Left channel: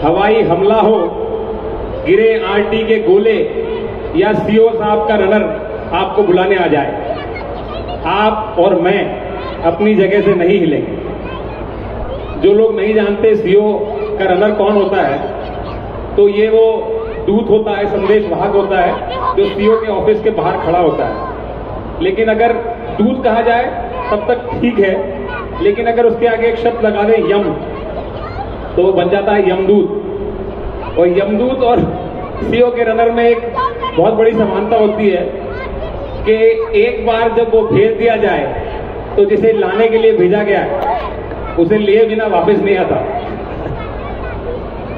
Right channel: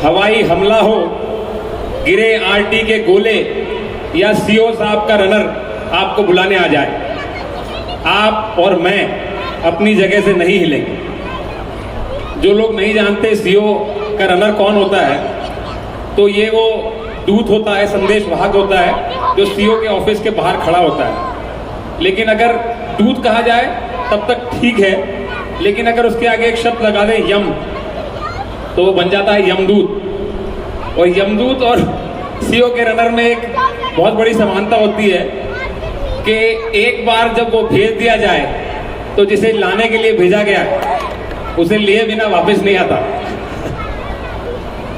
हवाई हमला हो, गिरे आरटी के गोले या सीओ साहब का रनर आपको बुलाने आ जाए, आप और मैं अपनी जगह से नहीं हिलेंगे। जो लोग नहीं जानते सीओ का रनर कौन होता है, तो ये वो दूत होता है, संदेश वाहक होता है, जो सीओ के ऑफिस के बाहर खड़ा होता है। लेकिन अगर दूत कहा जाए तब तक ठीक है, लेकिन अगर उसके आगे एक शब्द लगा दे यम, तो वो बन जाता है यमदूत। और यमदूत और सीओ के रनर में एक बहुत बड़ी समानता होती है कि एक बार जब वो भेज दिया जाए तो जिसे लाने के लिए भेजा गया उसे लिए बिना वापस नहीं आता।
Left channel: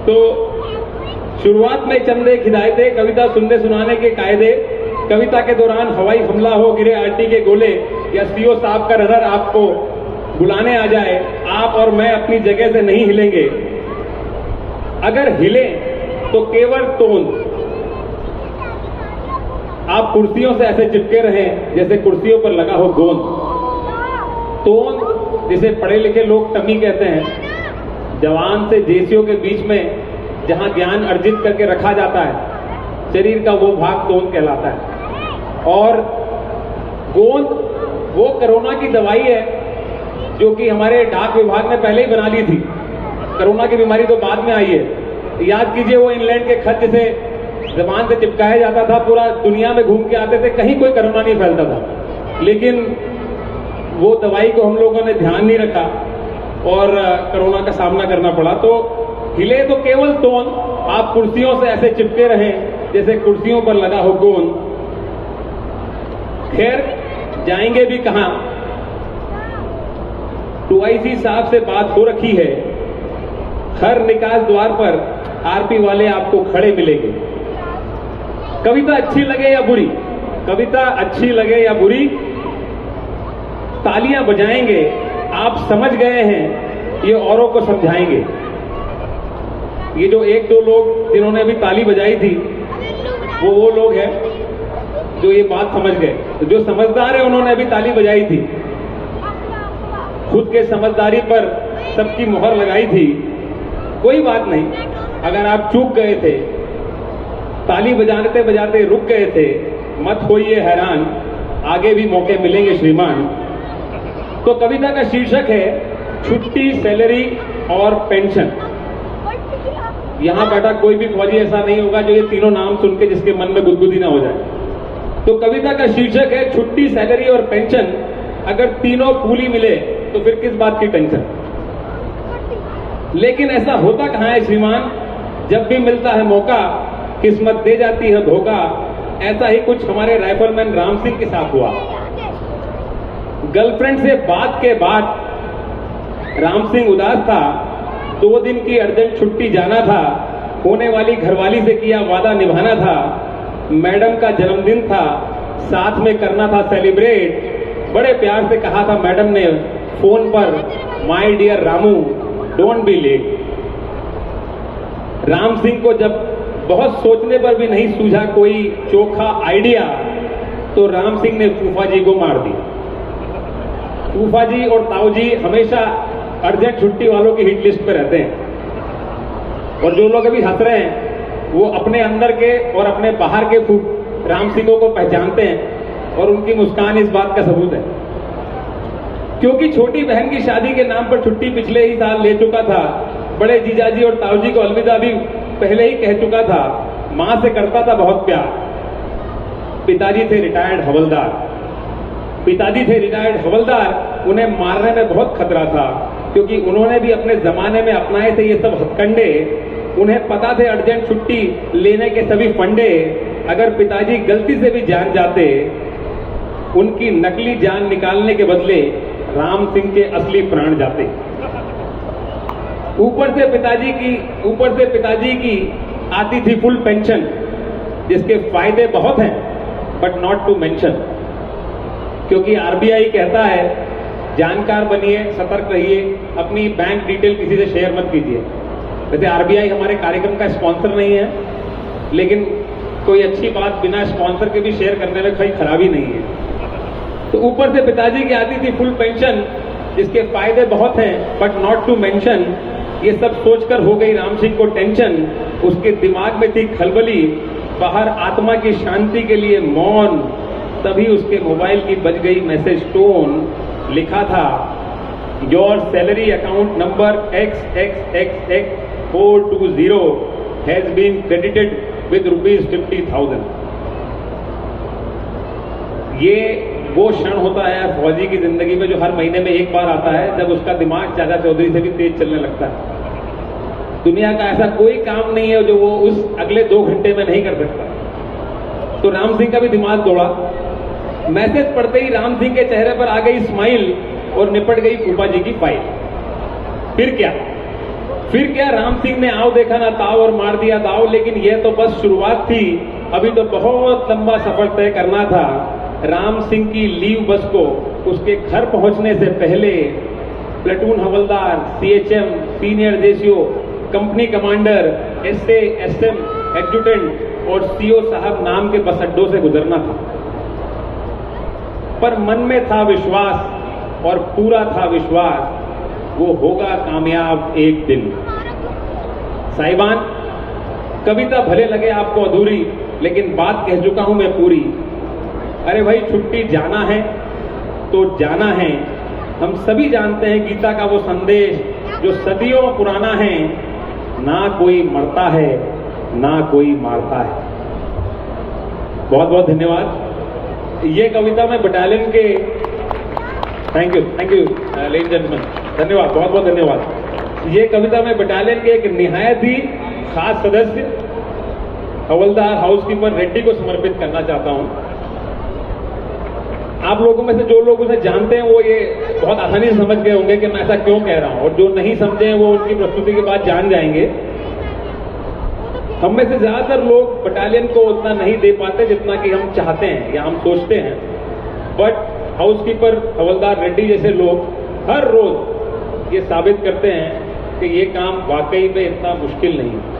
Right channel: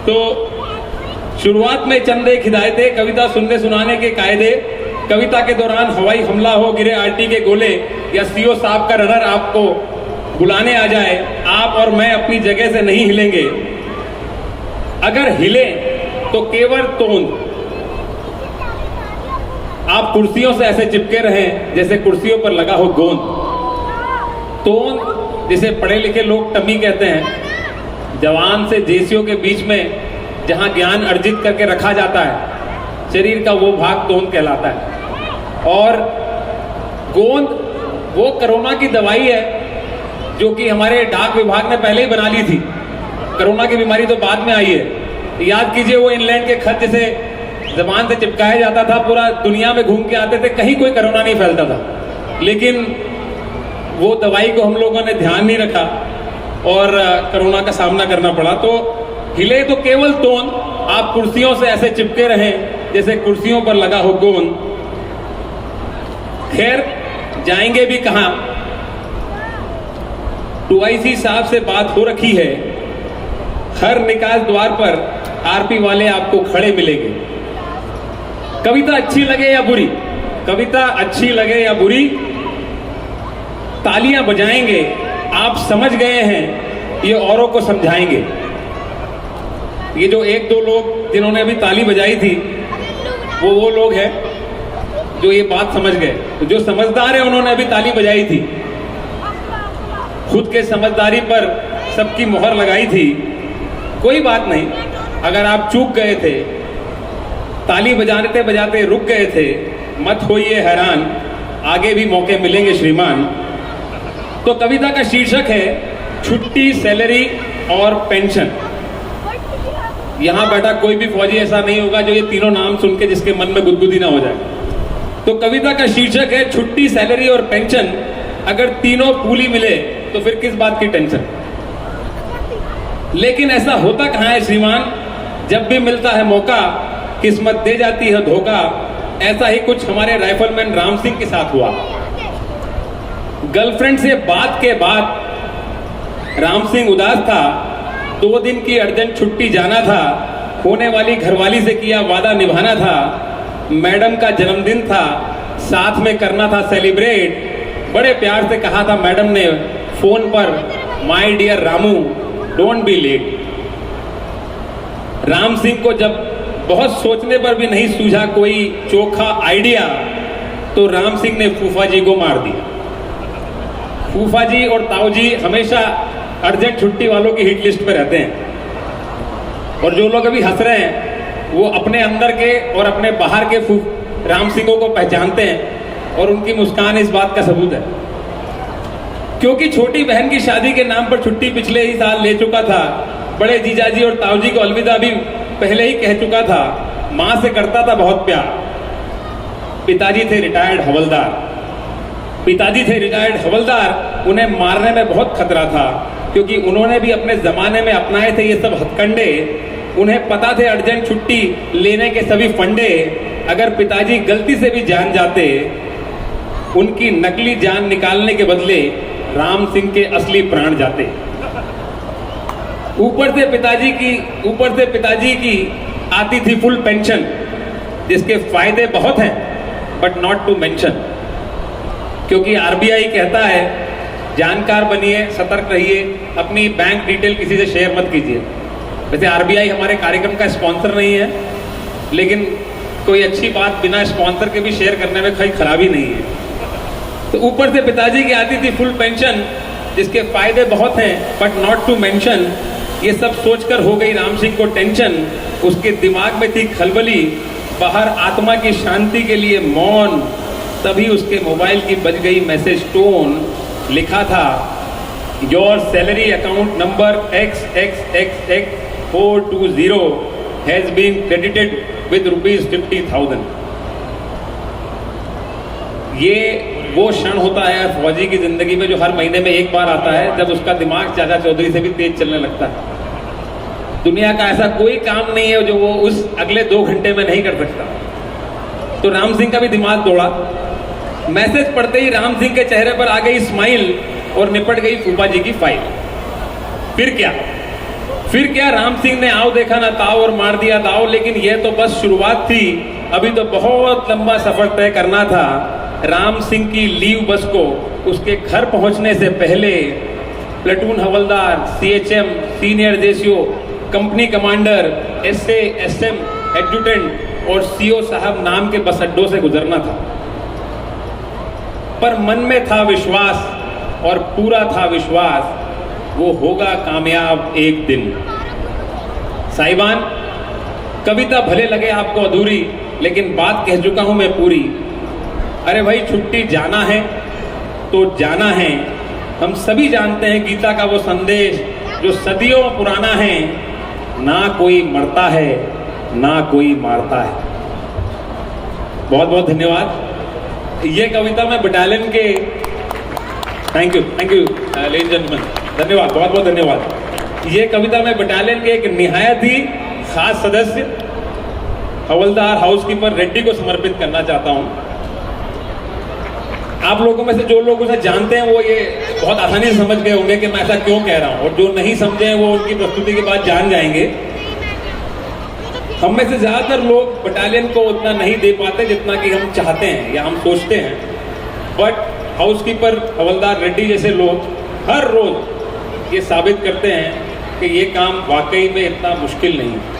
तो शुरुआत में चंद एक हिदायतें, कविता सुनने सुनाने के कायदे, कविता के दौरान हवाई हमला हो, गिरे आरटी के गोले या सीओ साहब का रनर आपको बुलाने आ जाए, आप और मैं अपनी जगह से नहीं हिलेंगे। अगर हिले तो केवल तोंद, आप कुर्सियों से ऐसे चिपके रहें जैसे कुर्सियों पर लगा हो गोंद। तोंद जिसे पढ़े लिखे लोग टमी कहते हैं, जवान से जेसियों के बीच में जहां ज्ञान अर्जित करके रखा जाता है, शरीर का वो भाग तोंद कहलाता है। और गोंद वो कोरोना की दवाई है जो कि हमारे डाक विभाग ने पहले ही बना ली थी। कोरोना की बीमारी तो बाद में आई है। याद कीजिए वो इंग्लैंड के खत जिसे जबान से चिपकाया जाता था, पूरा दुनिया में घूम के आते थे, कहीं कोई कोरोना नहीं फैलता था। लेकिन वो दवाई को हम लोगों ने ध्यान नहीं रखा और कोरोना का सामना करना पड़ा। तो हिले तो केवल तोंद, आप कुर्सियों से ऐसे चिपके रहें जैसे कुर्सियों पर लगा हो गोंद। खैर, जाएंगे भी कहां? टूआईसी साहब से बात हो रखी है, हर निकास द्वार पर आरपी वाले आपको खड़े मिलेंगे। कविता अच्छी लगे या बुरी, कविता अच्छी लगे या बुरी, तालियां बजाएंगे, आप समझ गए हैं, ये औरों को समझाएंगे। ये जो एक दो लोग जिन्होंने अभी ताली बजाई थी, वो लोग हैं जो ये बात समझ गए। तो जो समझदार है उन्होंने अभी ताली बजाई थी, खुद के समझदारी पर सबकी मोहर लगाई थी। कोई बात नहीं, अगर आप चूक गए थे, ताली बजाते बजाते रुक गए थे, मत होइए हैरान, आगे भी मौके मिलेंगे श्रीमान। तो कविता का शीर्षक है छुट्टी, सैलरी और पेंशन। यहां बैठा कोई भी फौजी ऐसा नहीं होगा जो ये तीनों नाम सुन के जिसके मन में गुदगुदी ना हो जाए। तो कविता का शीर्षक है छुट्टी, सैलरी और पेंशन। अगर तीनों पूली मिले तो फिर किस बात की टेंशन। लेकिन ऐसा होता कहां है श्रीमान, जब भी मिलता है मौका किस्मत दे जाती है धोखा। ऐसा ही कुछ हमारे राइफलमैन राम सिंह के साथ हुआ। गर्लफ्रेंड से बात के बाद राम सिंह उदास था, 2 दिन की अर्जेंट छुट्टी जाना था, होने वाली घरवाली से किया वादा निभाना था, मैडम का जन्मदिन था, साथ में करना था सेलिब्रेट। बड़े प्यार से कहा था मैडम ने फोन पर, my dear Ramu don't be late. Ram Singh को जब बहुत सोचने पर भी नहीं सूझा कोई चोखा आइडिया, तो राम सिंह ने फूफा जी को मार दिया। फूफा जी और ताऊ जी हमेशा अर्जेंट छुट्टी वालों की हिट लिस्ट पे रहते हैं। और जो लोग अभी हंस रहे हैं वो अपने अंदर के और अपने बाहर के राम सिंहों को पहचानते हैं, और उनकी मुस्कान इस बात का सबूत है। क्योंकि छोटी बहन की शादी के नाम पर छुट्टी पिछले ही साल ले चुका था, बड़े जीजाजी और ताऊ जी को अलविदा भी पहले ही कह चुका था, मां से करता था बहुत प्यार। पिताजी थे रिटायर्ड हवलदार, उन्हें मारने में बहुत खतरा था, क्योंकि उन्होंने भी अपने जमाने में अपनाए थे ये सब हथकंडे। उन्हें पता थे अर्जेंट छुट्टी लेने के सभी फंडे। अगर पिताजी गलती से भी जान जाते, उनकी नकली जान निकालने के बदले राम सिंह के असली प्राण जाते। ऊपर से पिताजी की आती थी फुल पेंशन, जिसके फायदे बहुत हैं बट नॉट टू मेंशन। क्योंकि आरबीआई कहता है जानकार बनिए, सतर्क रहिए, अपनी बैंक डिटेल किसी से शेयर मत कीजिए। वैसे आरबीआई हमारे कार्यक्रम का स्पॉन्सर नहीं है, लेकिन कोई अच्छी बात बिना स्पॉन्सर के भी शेयर करने में कोई खराबी नहीं है। तो ऊपर से पिताजी की आती थी फुल पेंशन, जिसके फायदे बहुत हैं बट नॉट टू मेंशन। ये सब सोचकर हो गई राम सिंह को टेंशन, उसके दिमाग में थी खलबली, बाहर आत्मा की शांति के लिए मौन। तभी उसके मोबाइल की बज गई मैसेज टोन। लिखा था, your salary account number XXXX420 has been credited with ₹50,000। ये वो क्षण होता है फौजी की जिंदगी में जो हर महीने में एक बार आता है, जब उसका दिमाग चाचा चौधरी से भी तेज चलने लगता है। दुनिया का ऐसा कोई काम नहीं है जो वो उस अगले 2 घंटे में नहीं कर सकता। तो राम सिंह का भी दिमाग दौड़ा। मैसेज पढ़ते ही राम सिंह के चेहरे पर आ गई स्माइल और निपट गई फूफा जी की फाइल। फिर क्या राम सिंह ने आओ देखा ना ताव और मार दिया दाव। लेकिन यह तो बस शुरुआत थी, अभी तो बहुत लंबा सफर तय करना था। राम सिंह की लीव बस को उसके घर पहुंचने से पहले प्लेटून हवलदार, CHM, senior JCO, company commander, SA, SM, adjutant और CO साहब नाम के बस अड्डों से गुजरना था। पर मन में था विश्वास और पूरा था विश्वास, वो होगा कामयाब एक दिन। साहिबान, कविता भले लगे आपको अधूरी, लेकिन बात कह चुका हूं मैं पूरी। अरे भाई, छुट्टी जाना है तो जाना है। हम सभी जानते हैं गीता का वो संदेश जो सदियों पुराना है, ना कोई मरता है ना कोई मारता है। बहुत बहुत धन्यवाद। ये कविता मैं बटालियन के थैंक यू लेडीज जेंटलमैन, धन्यवाद, बहुत बहुत धन्यवाद। ये कविता मैं बटालियन के एक निहायत ही खास सदस्य हवलदार हाउसकीपर रेड्डी को समर्पित करना चाहता हूं। आप लोगों में से जो लोग उसे जानते हैं वो ये बहुत आसानी से समझ गए होंगे कि मैं ऐसा क्यों कह रहा हूं, और जो नहीं समझे हैं वो उनकी प्रस्तुति के बाद जान जाएंगे। हम में से ज्यादातर लोग बटालियन को उतना नहीं दे पाते जितना कि हम चाहते हैं या हम सोचते हैं। बट हाउसकीपर हवलदार रेड्डी जैसे लोग हर रोज ये साबित करते हैं कि ये काम वाकई में इतना मुश्किल नहीं है।